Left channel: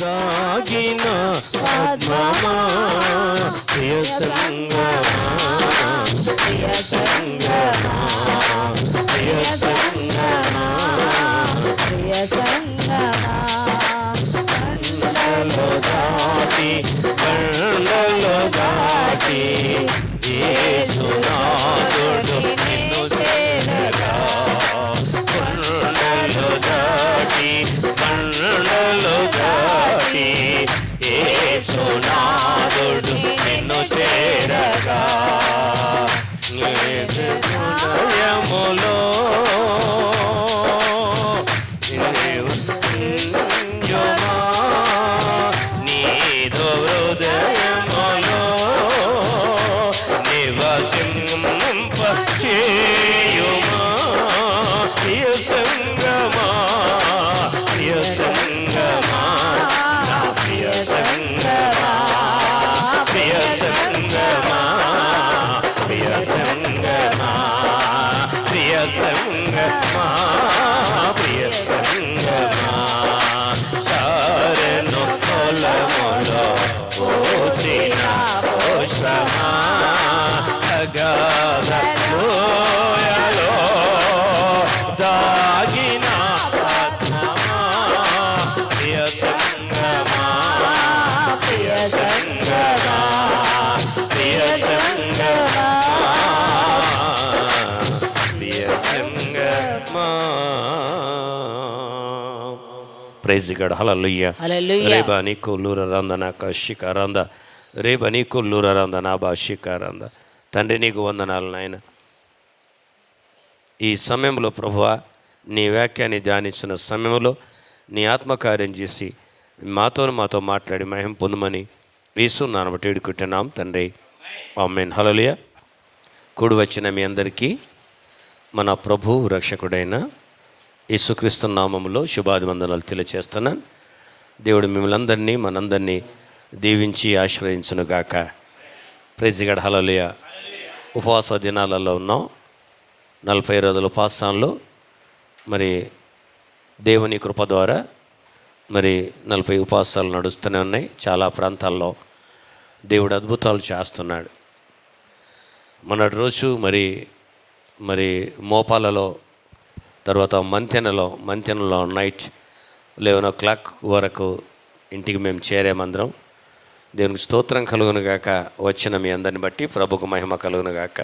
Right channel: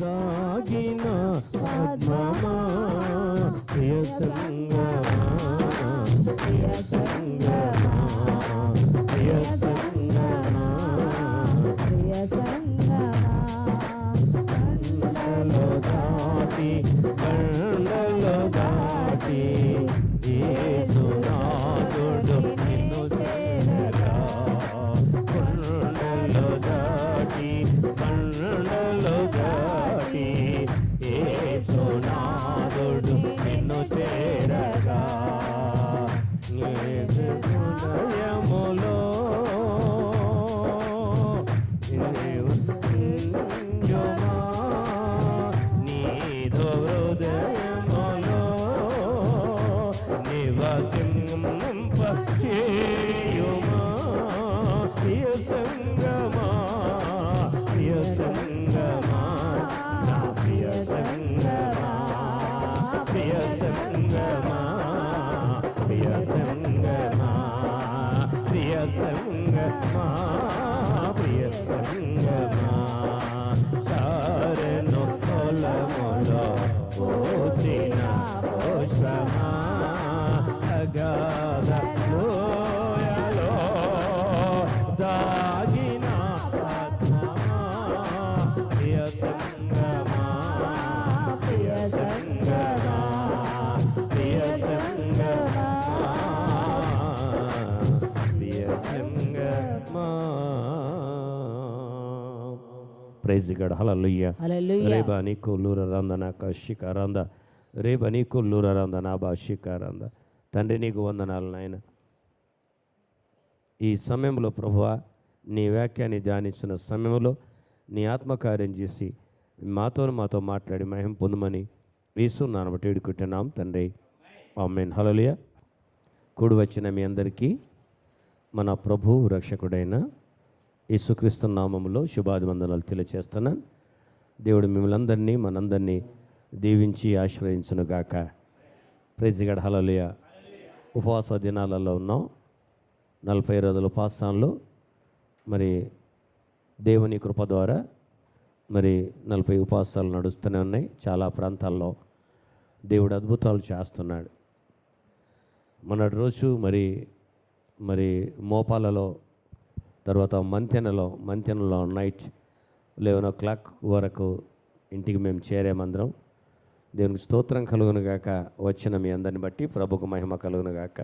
దాగిన ఆత్మమా ప్రియ సంగమా ప్రియ సంగమా ప్రియ సంగమా ప్రియ సంగమా బండలో దాటి బండలో దాటి యేసునాథుడు నిన్ను చేరగా బండలో దాటి బండలో దాటి యేసునాథుడు నిన్ను చేరగా హృదయములో నీదు హృదయములో నివసింప చేయుమా ప్రియ సంగమా ప్రియ సంగమా నా ప్రియ సంగమా ప్రియ సంగమా ప్రియ సంగమా ప్రియ సంగమా ప్రియ సంగమా సారెను పొలములో పోసిన పోషమా అగాధ లోయలో దాగిన ఆత్మమా ప్రియ సంగమా ప్రియ సంగమా ప్రియ సంగమా ప్రియ సంగమా. Praise god. హల్లెలూయా. రేబా నీకు లూరరంద నా కషికారంద రేబా నీకు లూరరంద నా భాషికారంద. తండ్రి నీకు వందనాలు నాయన. ఈ సమయంలో ప్రభువా నీ వాక్యాన్ని ధ్యానించిన సమయంలో నీ ఆత్మకార్యం చేసి మాతో మాట్లాడి మహిమ పొందుమని యేసు నామమున బట్టి వేడుకుంటున్నాం తండ్రి. ఆమేన్. హల్లెలూయా. కూడి వచ్చిన మీ అందరికీ మన ప్రభు రక్షకుడైన యేసుక్రీస్తు నామములో శుభాభివందనాలు తెలియచేస్తున్నాను. దేవుడు మిమ్మల్ని అందరినీ మనందరినీ దీవించి ఆశీర్వదించునుగాక. Praise god. హల్లెలూయా. ఉపవాస దినాలలో ఉన్నాం. 40 రోజుల ఉపవాసంలో మరి దేవుని కృప ద్వారా మరి 40 ఉపవాసాలు నడుస్తూనే ఉన్నాయి. చాలా ప్రాంతాల్లో దేవుడు అద్భుతాలు చేస్తున్నాడు. మొన్నటి రోజు మరి మోపాలలో తర్వాత మంతెనలో నైట్ 11 o'clock వరకు ఇంటికి మేము చేరేమందరం. దేవునికి స్తోత్రం కలుగును గాక. వచ్చిన మీ అందరిని బట్టి ప్రభుకు మహిమ కలుగును గాక.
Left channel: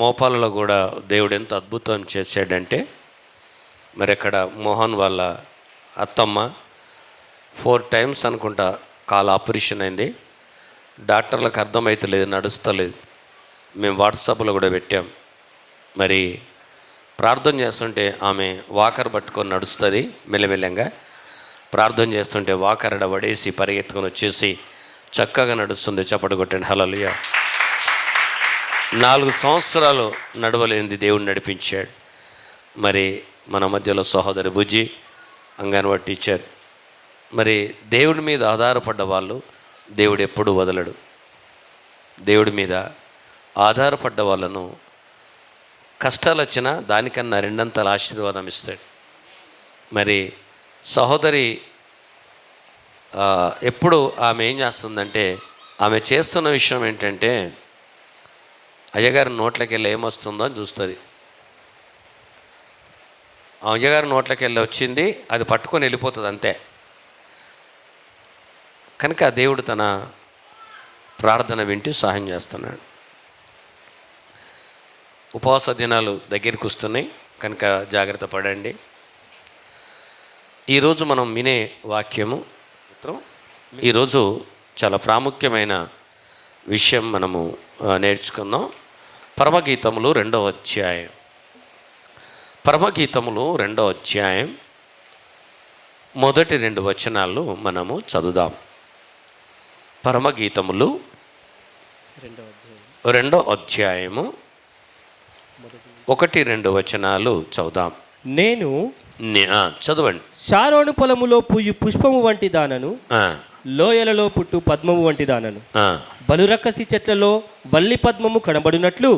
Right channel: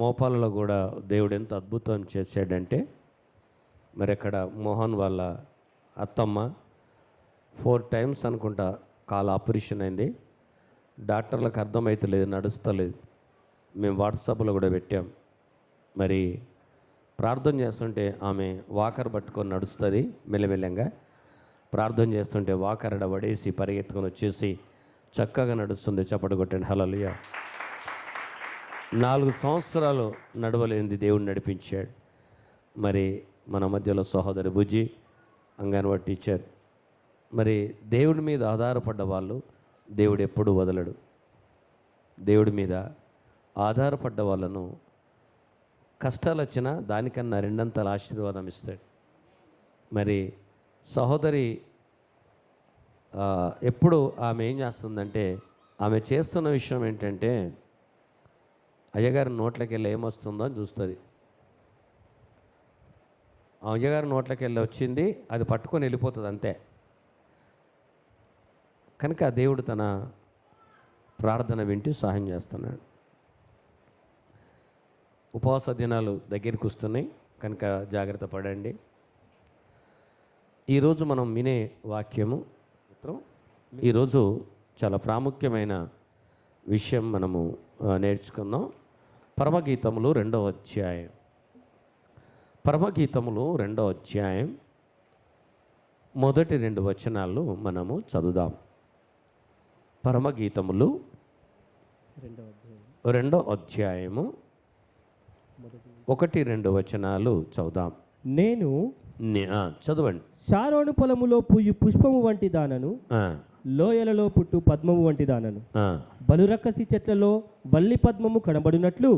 మోపాలలో కూడా దేవుడు ఎంత అద్భుతం చేశాడంటే మరి అక్కడ మోహన్ వాళ్ళ అత్తమ్మ 4 times అనుకుంటా కాలు ఆపరేషన్ అయింది. డాక్టర్లకు అర్థమవుతలేదు, నడుస్తలేదు. మేము వాట్సాప్లో కూడా పెట్టాం. మరి ప్రార్థన చేస్తుంటే ఆమె వాకర్ పట్టుకొని నడుస్తుంది మెల్లమెల్లంగా. ప్రార్థన చేస్తుంటే వాకర్ పడేసి పరిగెత్తుకొని వచ్చేసి చక్కగా నడుస్తుంది. చప్పటి కొట్టండి. హల్లెలూయా. 4 సంవత్సరాలు నడవలేనిది దేవుడు నడిపించాడు. మరి మన మధ్యలో సహోదరి బుజ్జి అంగన్వాడీ టీచర్. మరి దేవుడి మీద ఆధారపడ్డ వాళ్ళు దేవుడు ఎప్పుడూ వదలడు. దేవుడి మీద ఆధారపడ్డ వాళ్ళను కష్టాలు వచ్చినా దానికన్నా 2 ఆశీర్వాదం ఇస్తాడు. మరి సహోదరి ఎప్పుడు ఆమె ఏం చేస్తుందంటే ఆమె చేస్తున్న విషయం ఏంటంటే అయ్యగారి నోట్లకి వెళ్ళి ఏమొస్తుందో అని చూస్తుంది. ఆ అయ్యగారి నోట్లకి వెళ్ళి వచ్చింది, అది పట్టుకొని వెళ్ళిపోతుంది అంతే. కనుక దేవుడు తన ప్రార్థన వింటూ సహాయం చేస్తున్నాడు. ఉపవాస దినాలు దగ్గరికి వస్తున్నాయి కనుక జాగ్రత్త పడండి. ఈరోజు మనం వినే వాక్యము ఈరోజు చాలా ప్రాముఖ్యమైన విషయం మనము నేర్చుకుందాం. పరమగీతములు 2వ అధ్యాయం. పరమగీతములు 2వ అధ్యాయం మొదటి 2 వచనాలు మనము చదువుదాం. పరమగీతములు 2వ అధ్యాయము 1-2 వచనాలు చదువుదాం. నేను చదవండి. షారోను పొలములో పూయు పుష్పము వంటి దానను, లోయలలో పుట్టు పద్మము వంటి దానను. బలురక్కసి చెట్లలో వల్లి పద్మము కనబడినట్లు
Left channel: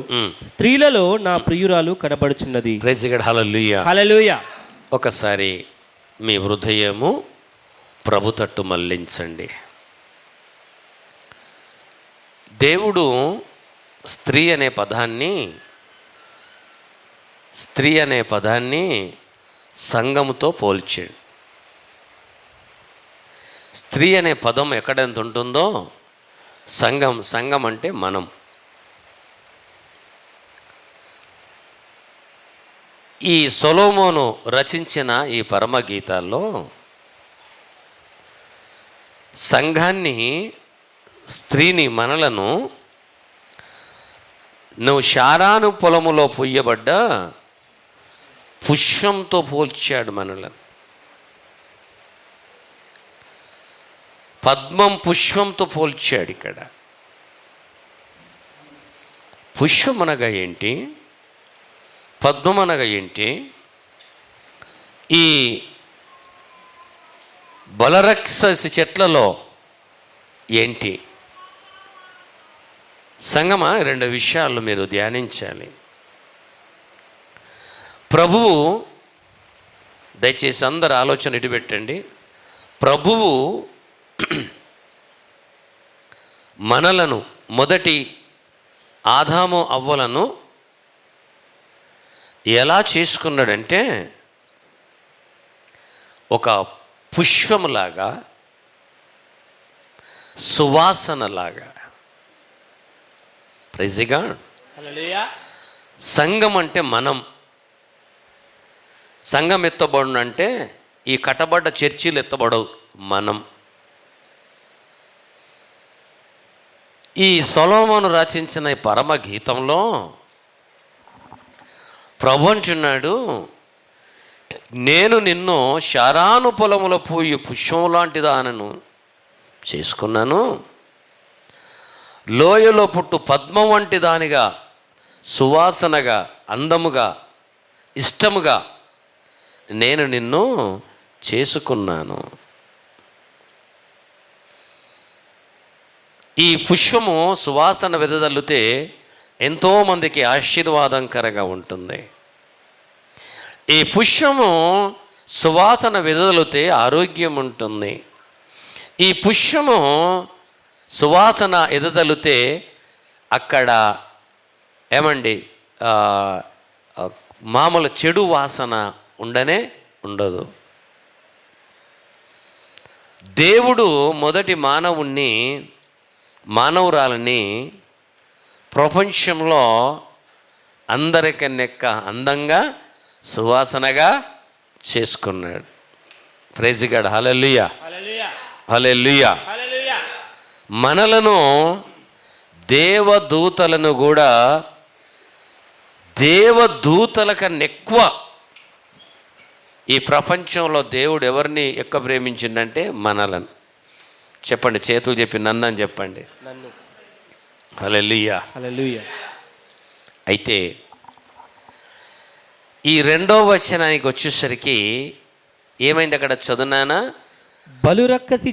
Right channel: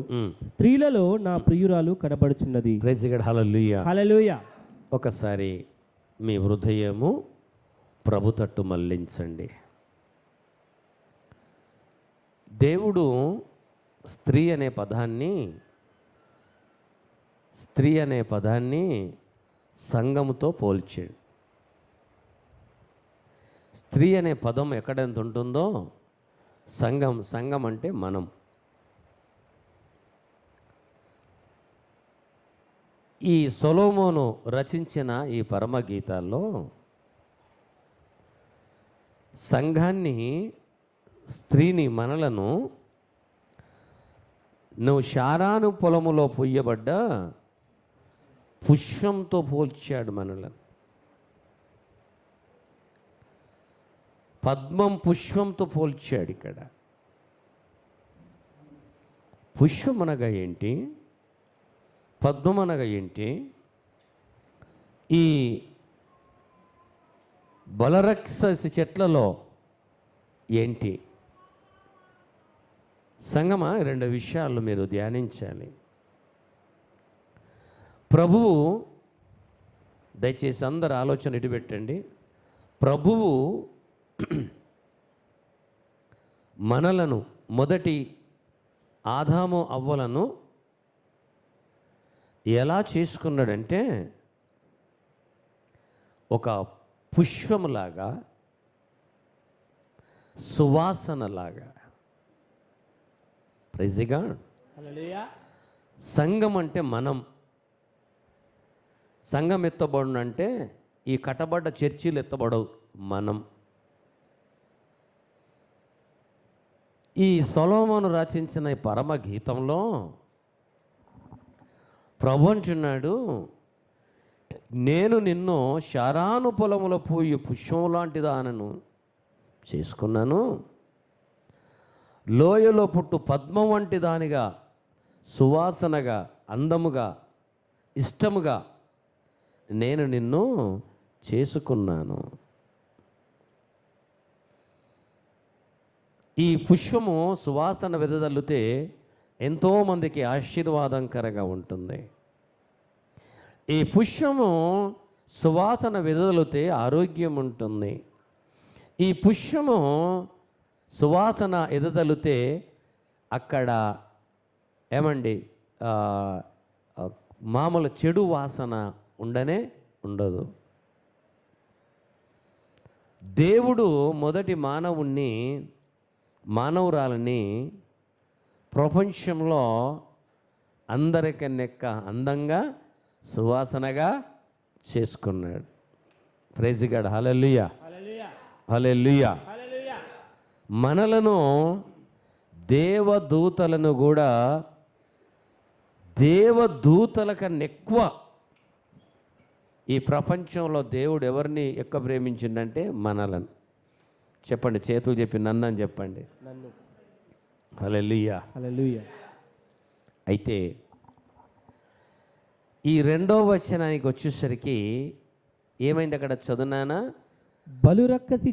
స్త్రీలలో నా ప్రియురాలు కనబడుచున్నది. Praise god. హల్లెలూయా. హల్లెలూయా. ఒకసారి మీ హృదయము ప్రభు తట్టు మళ్ళించండి. దేవుడు స్త్రీ అనే పదాన్ని సంఘముతో పోల్చాడు. స్త్రీ అనే పదం ఎక్కడెంత ఉంటుందో సంఘం అంటే మనం. ఈ సొలొమోను రచించిన ఈ పరమగీతాల్లో సంఘాన్ని, స్త్రీని, మనలను నువ్వు షారాను పొలములో పుయ్యబడ్డ పుష్పంతో పోల్చాడు. మనలను పద్మం పుష్పంతో పోల్చాడు. ఇక్కడ పుష్పం అనగా ఏంటి, పద్మం అనగా ఏంటి? ఈ బలరక్షసి చెట్లలో ఏంటి? సంగమా, రెండు విషయాలు మీరు ధ్యానించాలి. ప్రభువు, దయచేసి అందరు ఆలోచన ఇటు పెట్టండి. ప్రభువు మనలను, మొదటి ఆదాము అవ్వలను ఎలా చేసుకున్నాడంటే ఒక పుష్పములాగా, సువాసనలాగా. Praise God. సంఘం అంటే మనం. సంఘం ఎత్తబడును అంటే ఈ కట్టబడ్డ చర్చీలు ఎత్తబడవు, మనం. ఈ సొలొమోను రచించిన ఈ పరమ గీతంలో ప్రభు అంటున్నాడు, నేను నిన్ను షారాను పొలములో పోయి పుష్పం లాంటి దానను చేసుకున్నాను, లోయలో పుట్టు పద్మం వంటి దానిగా, సువాసనగా, అందముగా, ఇష్టముగా నేను నిన్ను చేసుకున్నాను. ఈ పుష్పము సువాసన వెదజల్లితే ఎంతోమందికి ఆశీర్వాదంకరంగా ఉంటుంది. ఈ పుష్పము సువాసన వెదజల్లితే ఆరోగ్యం ఉంటుంది. ఈ పుష్పము సువాసన ఎదజల్లితే అక్కడ ఏమండి మామూలు చెడు వాసన ఉండనే ఉండదు. దేవుడు మొదటి మానవురాలని ప్రపంచంలో అందరికన్నెక్క అందంగా, సువాసనగా చేసుకున్నాడు. Praise god. హల్లెలూయా, హల్లెలూయా. మనలను, దేవదూతలను కూడా దేవదూతల కన్నా ఎక్కువ ఈ ప్రపంచంలో దేవుడు ఎవరిని ఎక్కువ ప్రేమించిండంటే మనలను. చెప్పండి, చేతులు చెప్పి నన్ను అని చెప్పండి. హల్లెలూయా, హల్లెలూయా. అయితే ఈ రెండో వచనానికి వచ్చేసరికి ఏమైంది అక్కడ చదువునానా? బలురక్కసి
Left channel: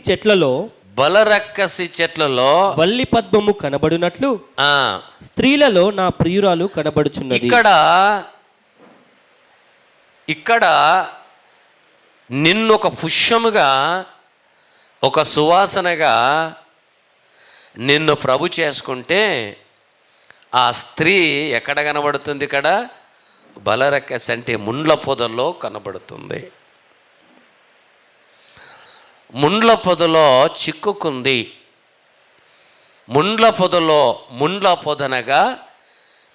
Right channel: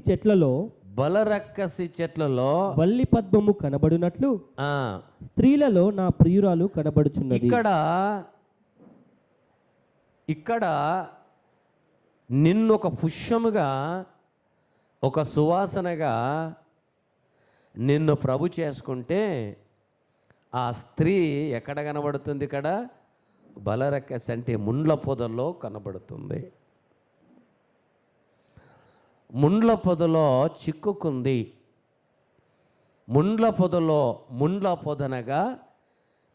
చెట్లలో వల్లి పద్మము కనబడునట్లు స్త్రీలలో నా ప్రియురాలు కనబడుచున్నది. ఇక్కడ నిన్ను ఒక పుష్పముగా, ఒక సువాసనగా నిన్ను ప్రభు చేసుకుంటే ఆ స్త్రీ ఎక్కడ కనబడుతుంది? ఇక్కడ బలరక్కసి అంటే ముండ్ల పొదల్లో కనబడుతుంది. ముండ్ల పొదలో చిక్కుకుంది. ముండ్ల పొదనగా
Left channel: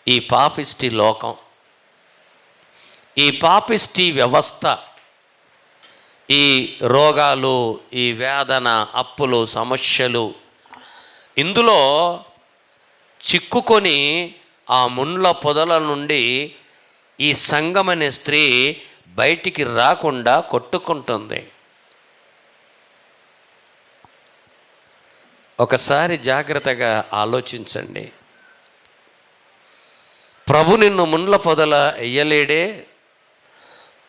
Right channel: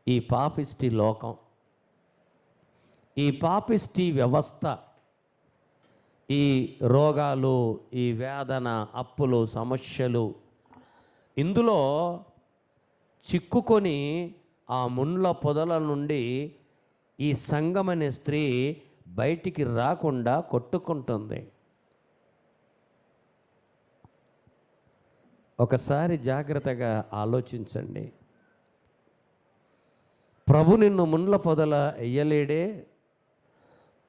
ఈ పాపిష్టి లోకం, ఈ పాపిష్టి వ్యవస్థ, ఈ రోగాలు, ఈ వేదన, అప్పులు, సమస్యలు, ఇందులో చిక్కుకొని ఆ ముండ్ల పొదల నుండి ఈ సంఘం అనే స్త్రీ బయటికి రాకుండా కొట్టుకుంటుంది. ఒకసారి జాగ్రత్తగా ఆలోచించండి. ప్రభు నిన్ను ముండ్ల పొదల వెయ్యలేడే?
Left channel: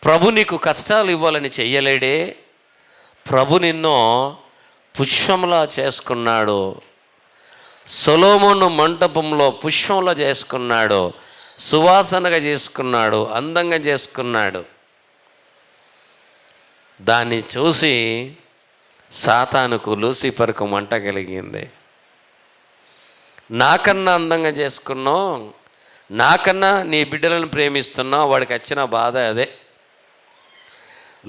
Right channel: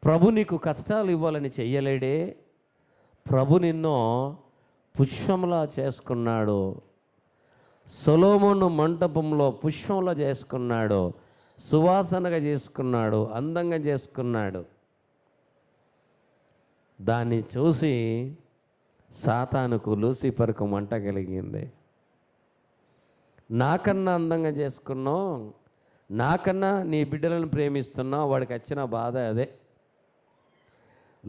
ప్రభు నీకు కష్టాలు ఇవ్వాలని చెయ్యలేడే? ప్రభు నిన్ను పుష్పంలా చేసుకున్నాడు. సొలొమోను మంటపంలో పుష్పంలా చేసుకున్నాడు, సువాసనగా చేసుకున్నాడు, అందంగా చేసుకున్నాడు. దాన్ని చూసి సాతానుకు లూసిఫర్కు మంట కలిగింది. నాకన్నా అందంగా చేసుకున్నావు, నాకన్నా నీ బిడ్డలను ప్రేమిస్తున్నావు, వాడికి వచ్చిన బాధ అదే.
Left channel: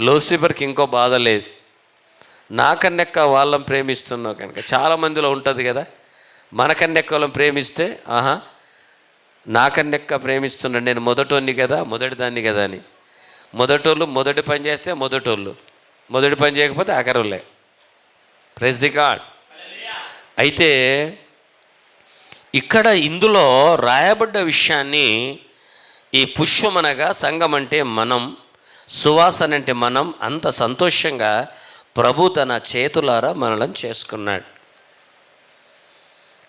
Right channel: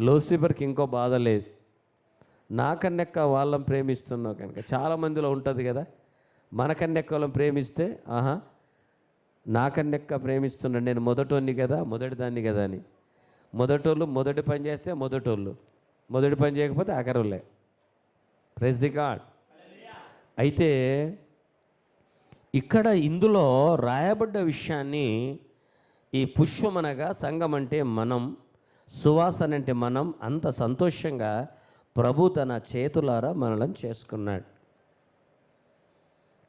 లూసిఫర్కి ఇంకో బాధ లేదు, నాకన్నెక్క వాళ్ళని ప్రేమిస్తున్నావు కనుక. చాలామందిలో ఉంటుంది కదా, మనకన్నెక్క వాళ్ళని ప్రేమిస్తే ఆహా నాకన్నెక్క ప్రేమిస్తున్నాడు, నేను మొదటోన్ని కదా, మొదటిదాన్ని కదా అని. మొదటోళ్ళు మొదటి పని చేస్తే మొదటోళ్ళు, మొదటి పని చేయకపోతే ఆఖరులే. Praise the God. అయితే ఇక్కడ ఇందులో రాయబడ్డ విషయాన్ని, ఈ పుష్పం అనగా సంఘం అంటే మనం, సువాసన అంటే మనం, అంత సంతోషంగా ప్రభు తన చేతులారా మనలను చేసుకున్నాడు.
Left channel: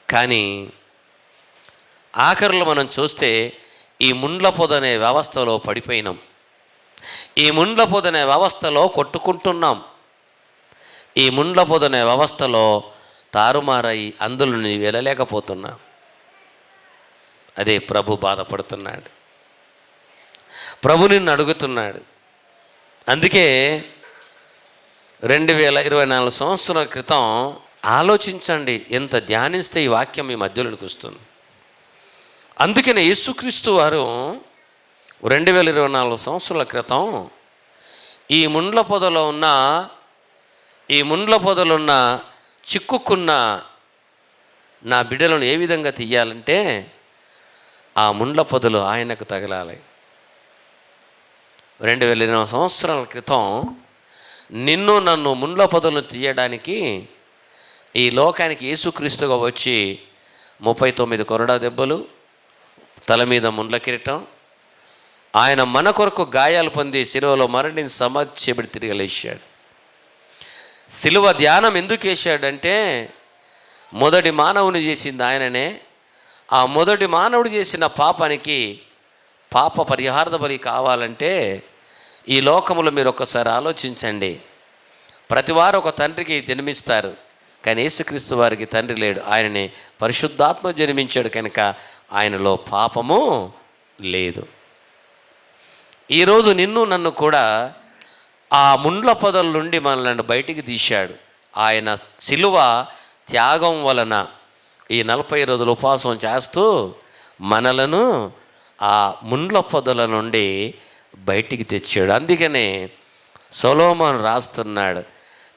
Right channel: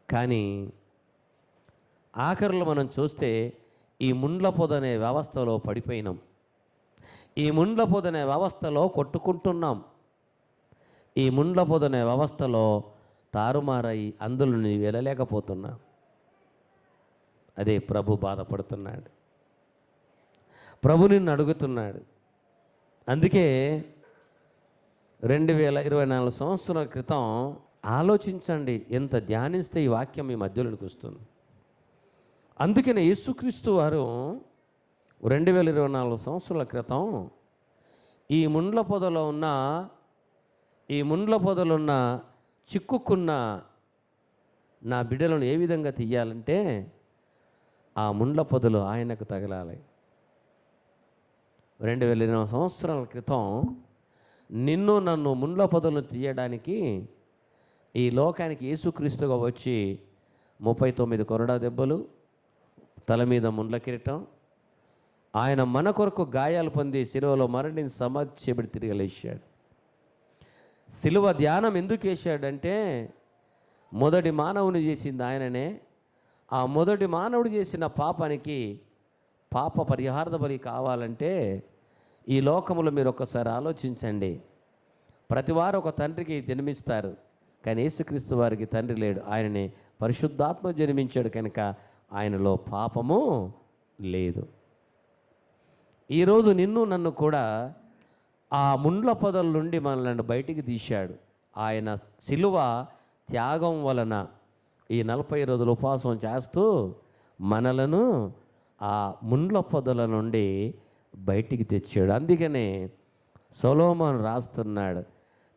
కానీ ఆఖరిలో మనం చూస్తే ఈ ముండ్ల పొదనే వ్యవస్థలో పడిపోయినాం. ఈ ముండ్ల పొదనే వ్యవస్థలో కొట్టుకుంటున్నాం. ఈ ముండ్ల పొదనే వ్యవస్థలో తారుమారై అందులో వెళ్ళలేకపోతున్నాం. అదే ప్రభు బాధపడుతున్నాడు, ప్రభు నిన్ను అడుగుతున్నాడు. అందుకే 2024 సంవత్సరాల క్రితం ఆలోచించండి, ఎంత ధ్యానిస్తే ఈ వాక్యం మీ మధ్యలోకి వస్తుంది. అందుకనే యేసుక్రీస్తు వారు 2024 సంవత్సరాల క్రితం ఈ ముండ్ల పొదలో ఉన్న చిక్కుకున్న నా బిడ్డలను ఏ విధంగా తీయాలంటే ఆ ముండ్ల పొదలు ఆయనకు తగలాలి. 2020 సంవత్సరాల క్రితం నిన్ను నన్ను ముండ్ల పొదలను తీయడానికి ఈ లోకానికి యేసుక్రీస్తుగా వచ్చి 39 కొరడా దెబ్బలు, తల మీద ముండ్ల కిరీటం, ఆయన మన కొరకు గాయాలు పొంది శిలువలో మరణించి సమాధి చేయబడి తిరిగి లేచాడు. శిలువ ధ్యానం ఎందుకు వేశాడంటే మొదటి మానవుని చేసింది ఆయననే. ఆ మొదటి మానవుడు చేసిన పాపానికి పాప పరిహార బలి కావాలంటే ఈ లోకములో మీరు ఒక్కసారి ఆలోచించండి. ప్రతివారు ఒక తండ్రికి జన్మిస్తారు, కానీ యేసుక్రీస్తు వారికి తండ్రి లేడు. ఆయనని పరిశుద్ధాత్మ జన్మించాడు కనుక ఆయనలో పాపము లేదు. ఈరోజు నిన్ను నన్ను కూడా ఆ ముండ్ల పొదల నుండి మనల్ని బయటికి తీశాడు. ఆయన శిలువ త్యాగం వలన ఈ 40 రోజులు ఉపవాసం చేస్తూ మనలను ఆ ముండ్ల పొదల నుండి బయటికి తెచ్చాడు. అందుకనే సొలొమోను రాస్తున్నాడు,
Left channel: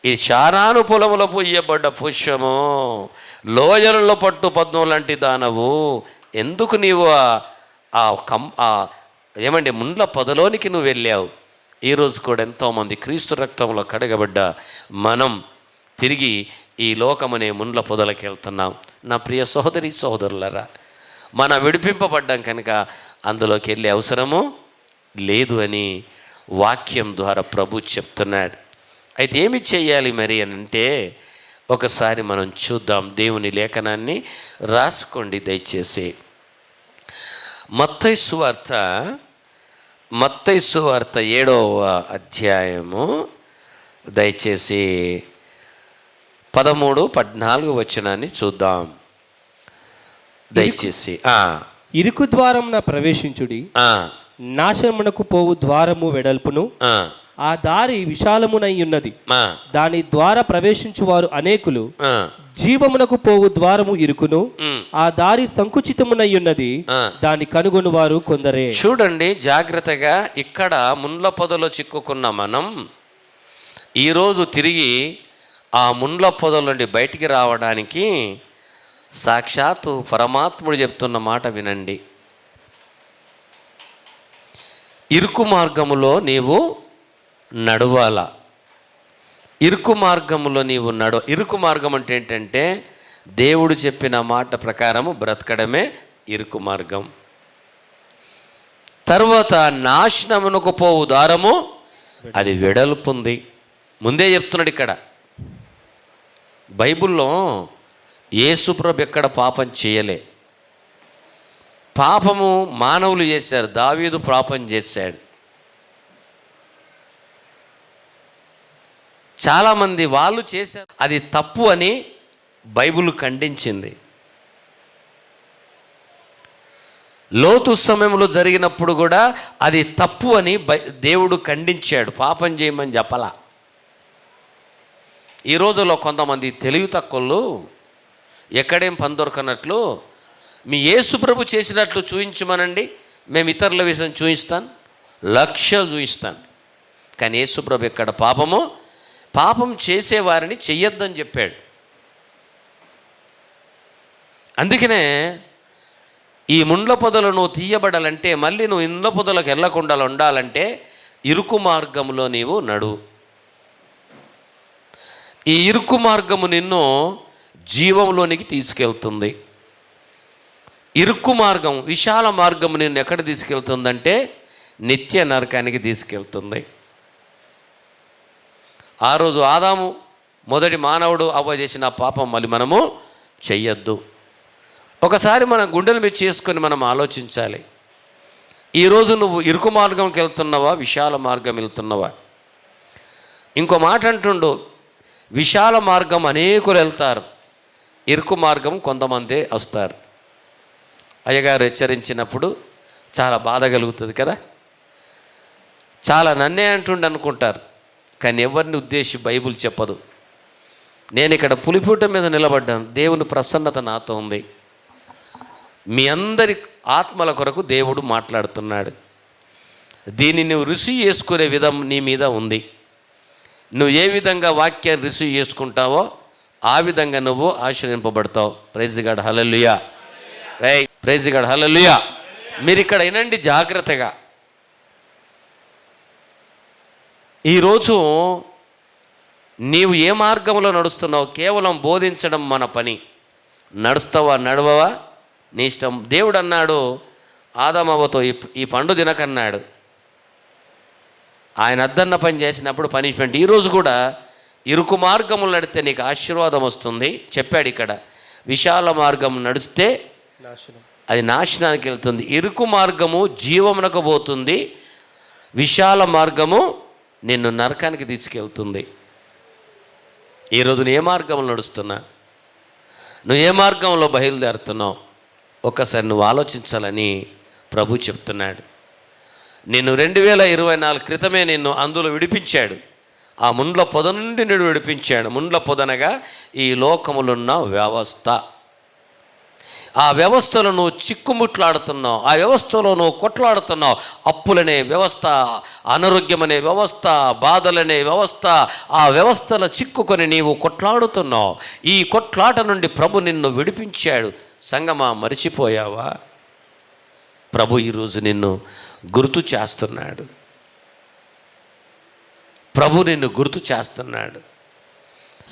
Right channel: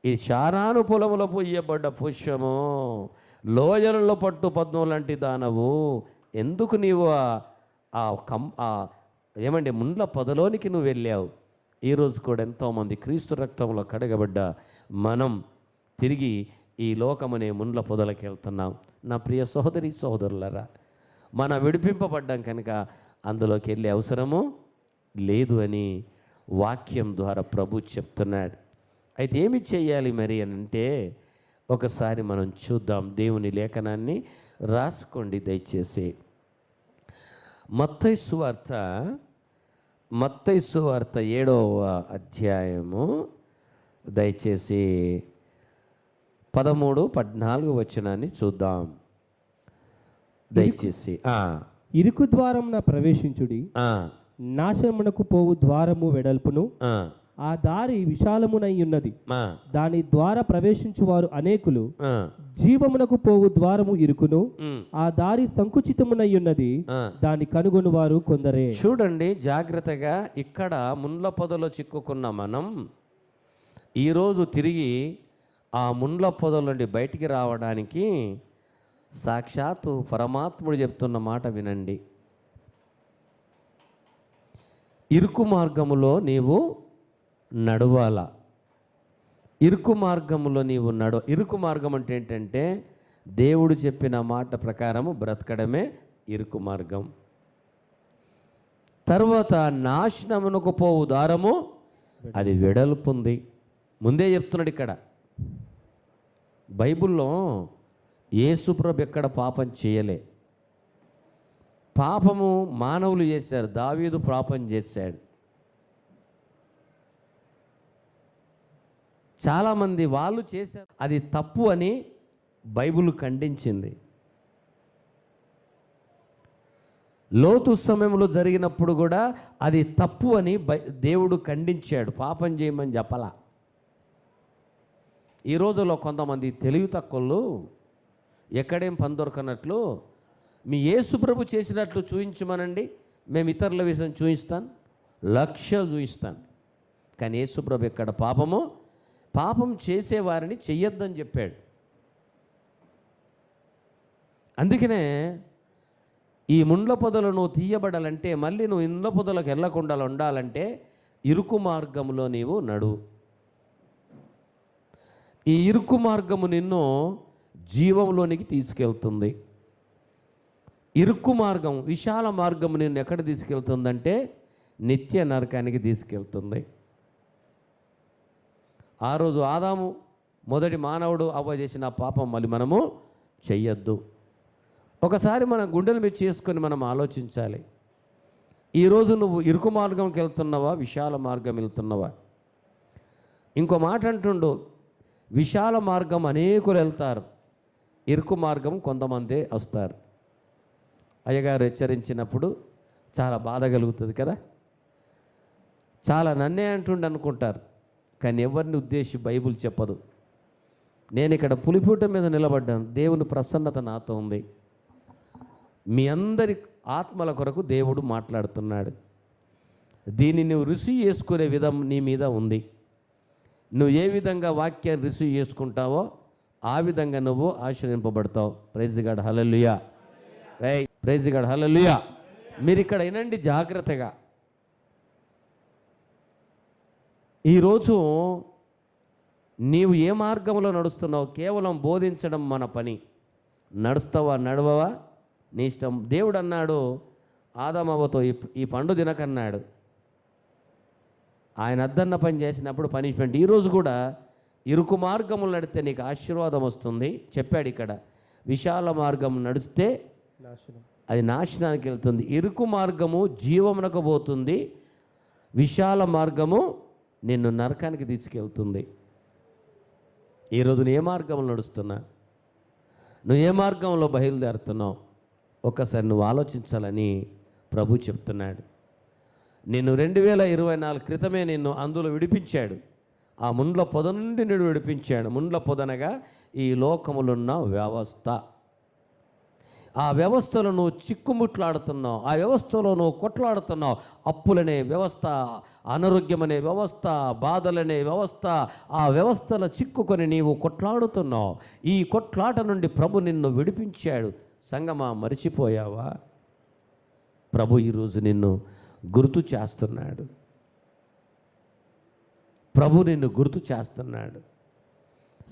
ఈ శారాను పొలములో పూయబడ్డ పుష్పము, లోయలలో పట్టు పద్మం లాంటి దానవు, ఎందుకు నీవు ఏమంటే ముండ్ల పొదలోనికి నువ్వు వెళ్ళావు. ఈరోజు కూడా ఎంతోమంది క్రీస్తు రక్తంలో కడగబడ్డ మనం తిరిగి ఈ లోకమనే ముండ్ల పొదలకి వెళ్తున్నాం. నా ప్రియ సహోదరి సహోదరులరా, మనం విడిపింపబడ్డాం కనుక అందులోకి వెళ్ళే అవసరము లేదు అని వాక్యం ద్వారా ప్రభు చెప్తున్నాడు. అయితే ఏమి చేయాలి మరి అని అంటే ఒకసారి మనం చూద్దాం. దేవుని లేఖనాన్ని రాసుకోండి దయచేసి. మత్తయి సువార్త 7వ అధ్యాయము దయచేసి 13-14 వచనాన్ని చూద్దాం దయచేసి. ఇరుకు ద్వారమున ప్రవేశించుడి, నాశనమునకు పోవు ద్వారము వెడల్పును, ఆ దారి విశాలమునై ఉన్నది, దాని ద్వారా ప్రవేశించువారు అనేకులు. జీవమునకు పోవు ద్వారము ఇరుకును, ఆ దారి సంకుచితమునై ఉన్నది, దాని కనుగొని వారు కొందరే. చూడండి జాగ్రత్తగా, ఇక్కడ ముండ్ల పొదలో చిక్కుకున్న మనం ఈరోజు తిరిగి ఆ ముండ్ల పొదల నుండి బయటికి రావడానికి సాక్షాత్తు పరమాత్ముడు చెప్తున్న మాట వినండి. ఇరుకు మార్గములో నీవు నడవాల. ఇరుకు మార్గములో నీవు ఇరుకు మార్గం అంటే ఏంటంటే దేవుడు చెప్పిన మాట ప్రకారము బ్రతకడమే ఇరుకు మార్గం. తర్వాత నాశనమునకు పోవు దారము అది వెడల్పుంది. ముందే చెప్తున్నాడు ఇక్కడ. బైబిల్లో యేసుప్రభు ఎక్కడ పాపం చేయలే. పాపము మానవులు చేశారు. దావీదు పాపం చేశాడు. చాలామంది వాళ్ళు చేశారు, అది తప్పు అని బైబిల్ ఖండించింది. లోతు సమయంలో జరిగినప్పుడు కూడా అది తప్పు అని దేవుడు ఖండించాడు. పాపం చేయమని చెప్పలా. ఈ రోజుల్లో కొంతమంది తెలివి తక్కువలు ఎక్కడేం పని దొరకనట్లు మీ యేసు ప్రభు చేసినట్లు చూయించమనండి, మేము ఇతరుల విషయం చూపిస్తాను, లక్ష్యాలు చూపిస్తాను. కానీ యేసు ప్రభు ఎక్కడ పాపం చేసేవారిని చెయ్యొద్దని చెప్పాడు. అందుకనే ఈ ముండ్ల పొదలు నువ్వు తీయబడాలంటే, మళ్ళీ నువ్వు ఇండ్ల పొదలకు వెళ్ళకుండా ఉండాలంటే ఇరుకు మార్గంలో నీవు నడువు. ఈ ఇరుకు మార్గము నిన్ను జీవంలోనికి తీసుకెళ్తుంది. ఇరుకు మార్గం, విశాల మార్గము నిన్ను ఎక్కడ తీసుకెళ్తుందంటే నిత్య నరకానికి తీసుకెళ్తుంది. ఆ రోజు ఆదాము మొదటి మానవుడు అవ్వ చేసిన పాపం మళ్ళీ మనము చెయ్యొద్దు. ఒకసారి మన గుండెల మీద చేసుకొని మనం ఆలోచించాలి. ఈరోజు నువ్వు ఇరుకు మార్గంకి వెళ్తున్నావా, విశాల మార్గం వెళ్తున్నావా? ఇంకో మాట అంటుండు, విశాల మార్గం అనేకులు వెళ్తారు, ఇరుకు మార్గం కొంతమందే వస్తారు. అయ్యగారు హెచ్చరించినప్పుడు చాలా బాధ కలుగుతుంది కదా. చాలా నన్నే అంటుండు అనుకుంటారు, కానీ ఎవరిని ఉద్దేశించి బైబిల్ చెప్పదు. నేను ఇక్కడ పులిపూట మీద నిలబడ్డాను, దేవుని ప్రసన్నత నాతో ఉంది. మీ అందరి ఆత్మల కొరకు దేవుడు మాట్లాడుతున్నాడు. దీన్ని నువ్వు రిసీవ్ చేసుకునే విధం నీ మీద ఉంది. నువ్వు ఏ విధంగా వాక్యాన్ని రిసీవ్ చేసుకుంటావో ఆ విధంగా నువ్వు ఆశీర్వదింపబడతావు. ప్రైజ్ గాడ్, హల్లెలూయా. రైట్, ప్రైజ్ గాడ్, హల్లెలూయా. మీరు ఇక్కడ వినండి జాగ్రత్తగా. ఈరోజు నీవు ఏ మార్గంలో నడుస్తున్నావు? కేవలం బోధించడం మన పని. నడుస్తావా నడవవా నీ ఇష్టం. దేవుడు అన్నాడు ఆదామవ్వతో, ఈ పండు తినకన్నాడు. ఆయన అద్దన్న పని చేసినప్పుడు పనిష్మెంట్. ఈరోజు కూడా ఇరుకు మార్గములు నడిస్తే నీకు ఆశీర్వాదం వస్తుంది చెప్పాడు. ఇక్కడ విశాల మార్గం నడిస్తే అది నాశనానికి వెళ్తుంది. ఇరుకు మార్గము జీవమునకు పోతుంది, విశాల మార్గము నిన్ను నరకానికి తీసుకెళ్తుంది. ఈరోజు నువ్వు ఏ మార్గంలో నడుస్తున్నా, నువ్వు ఏ మార్గంలో బయలుదేరుతున్నావు ఒక్కసారి నువ్వు ఆలోచించాలని ప్రభు చెప్తున్నాడు. నిన్ను 2024 క్రితమే నిన్ను అందులో విడిపించాడు. ఆ ముండ్ల పొద నుండి నిన్ను విడిపించాడు. ముండ్ల పొదనగా ఈ లోకములున్న వ్యవస్థ. ఆ వ్యవస్థలో నువ్వు చిక్కుముట్లాడుతున్నావు, ఆ వ్యవస్థలో నువ్వు కొట్లాడుతున్నావు. అప్పులనే వ్యవస్థ, అనారోగ్యం అనే వ్యవస్థ, బాధలనే వ్యవస్థ, ఆ వ్యవస్థలో చిక్కుకొని నీవు కొట్లాడుతున్నావు. ఈ కొట్లాట నుండి ప్రభు నిన్ను విడిపించాడు. సంగమా, మరిచిపోయావా? ప్రభు ఈరోజు నిన్ను గుర్తు చేస్తున్నాడు. ప్రభు నిన్ను గుర్తు చేస్తున్నాడు.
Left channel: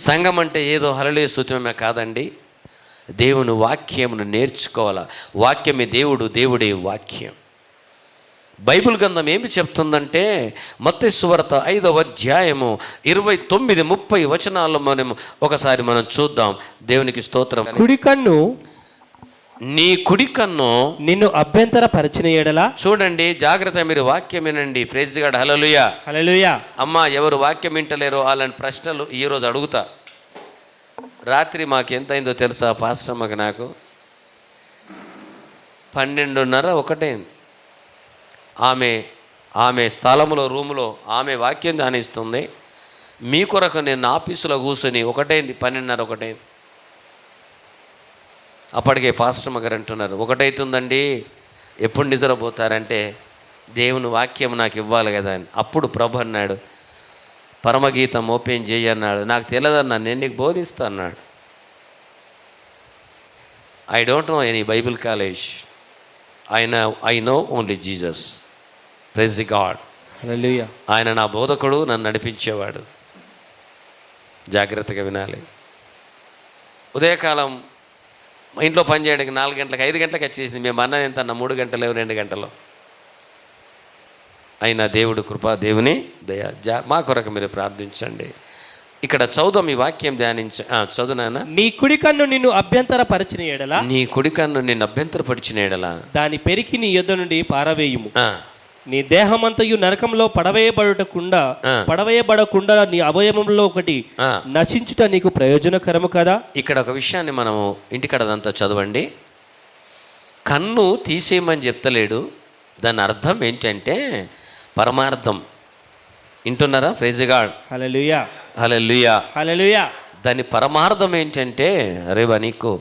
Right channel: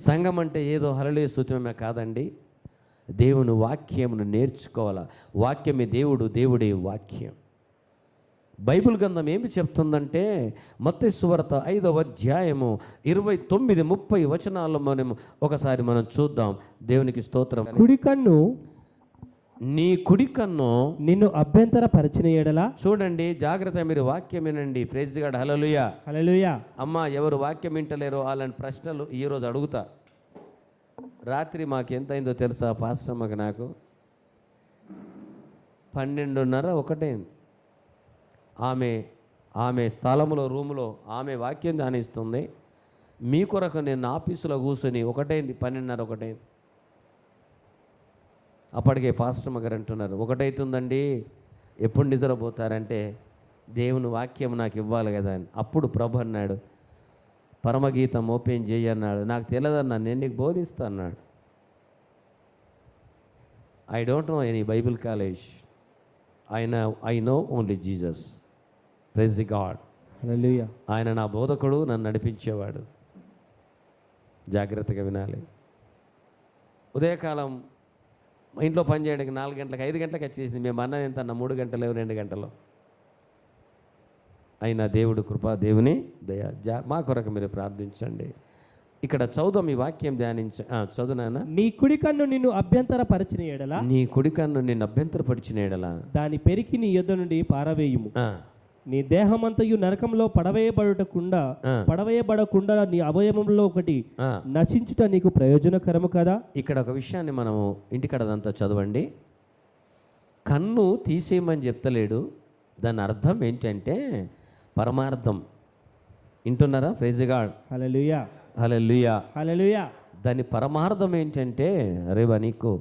సంఘం అంటే ఏదో హల్లెలూయా స్తుతిమే కాదండి. దేవుని వాక్యమును నేర్చుకోవాలా. వాక్యమే దేవుడు, దేవుడే వాక్యం. బైబిల్ గ్రంథం ఏమి చెప్తుందంటే మత్తయి సువార్త 5వ అధ్యాయము 29, 30 వచనాల్లో ఒకసారి మనం చూద్దాం. దేవునికి స్తోత్రం. కుడి కన్ను నీ కుడి కన్ను నిన్ను అభ్యంతర పరిచిన ఎడలా, చూడండి జాగ్రత్త, మీరు వాక్యం వినండి. ప్రైజ్ గాడ్, హల్లెలూయా, హల్లెలూయా. అమ్మా, ఎవరు వాక్యం వింటలేరో అలాంటి ప్రశ్నలు ఈరోజు అడుగుతా. రాత్రి మాకు ఎంత అయిందో తెలుసా పాస్టర్ అమ్మకి? నాకు 12:30 ఒకటైంది. ఆమె స్థలములో రూములో ఆమె వాక్యం ధ్యానిస్తుంది. మీ కొరకు నేను ఆఫీసులో కూర్చొని 12:30 ఒకటైంది. అప్పటికే పాస్టర్ గారు అంటున్నారు, 1 అవుతుందండి, ఎప్పుడు నిద్రపోతారంటే దేవుని వాక్యం నాకు ఇవ్వాలి కదా అని. అప్పుడు ప్రభు అన్నాడు, పరమగీతం ఓపెన్ చేయి అన్నాడు. నాకు తెలియదన్నా, నేను నీకు బోధిస్తా అన్నాడు. I don't know any bible college, I know only Jesus. Praise the god, హల్లెలూయా. ఆయన నా బోధకుడు, నన్ను నడిపించేవాడు. జాగ్రత్తగా వినాలి. ఉదయకాలం ఇంట్లో పని చేయడానికి 4 గంటలకు 5 గంటలకు వచ్చేసింది. మేము అన్నది ఎంత అన్న 3 గంటలు 2 గంటలు అయినా దేవుడు కృప, దేవుని దయ. మా కొరకు మీరు ప్రార్థించండి. ఇక్కడ చదువు, మీ వాక్యం చదువునా. నీ కుడి కన్ను నిన్ను అభ్యంతర పరిచిన ఎడలా, నీ కుడి కన్ను నిన్ను అభ్యంతరపరిచిన ఎడలా దాని పెరికి నీ యొద్ద నుండి పారవేయుము. నీ దేహమంతయు నరకంలో పడవేయబడకుండా నీ అవయవంలో ఒకటి నశించుట నీకు ప్రయోజనకరము కదా. ఇక్కడ ఒక విషయాన్ని మనము ఇంటికడదంతా చదవండి. కన్ను తీసేయమని చెప్తలేడు. దాని అర్థం ఏంటంటే పరమార్థం. వింటున్నారా? ప్రైజ్ గాడ్, హల్లెలూయా. హల్లెలూయా. హల్లెలూయా. దాని పరమార్థం ఏంటంటే, రేవా నీకు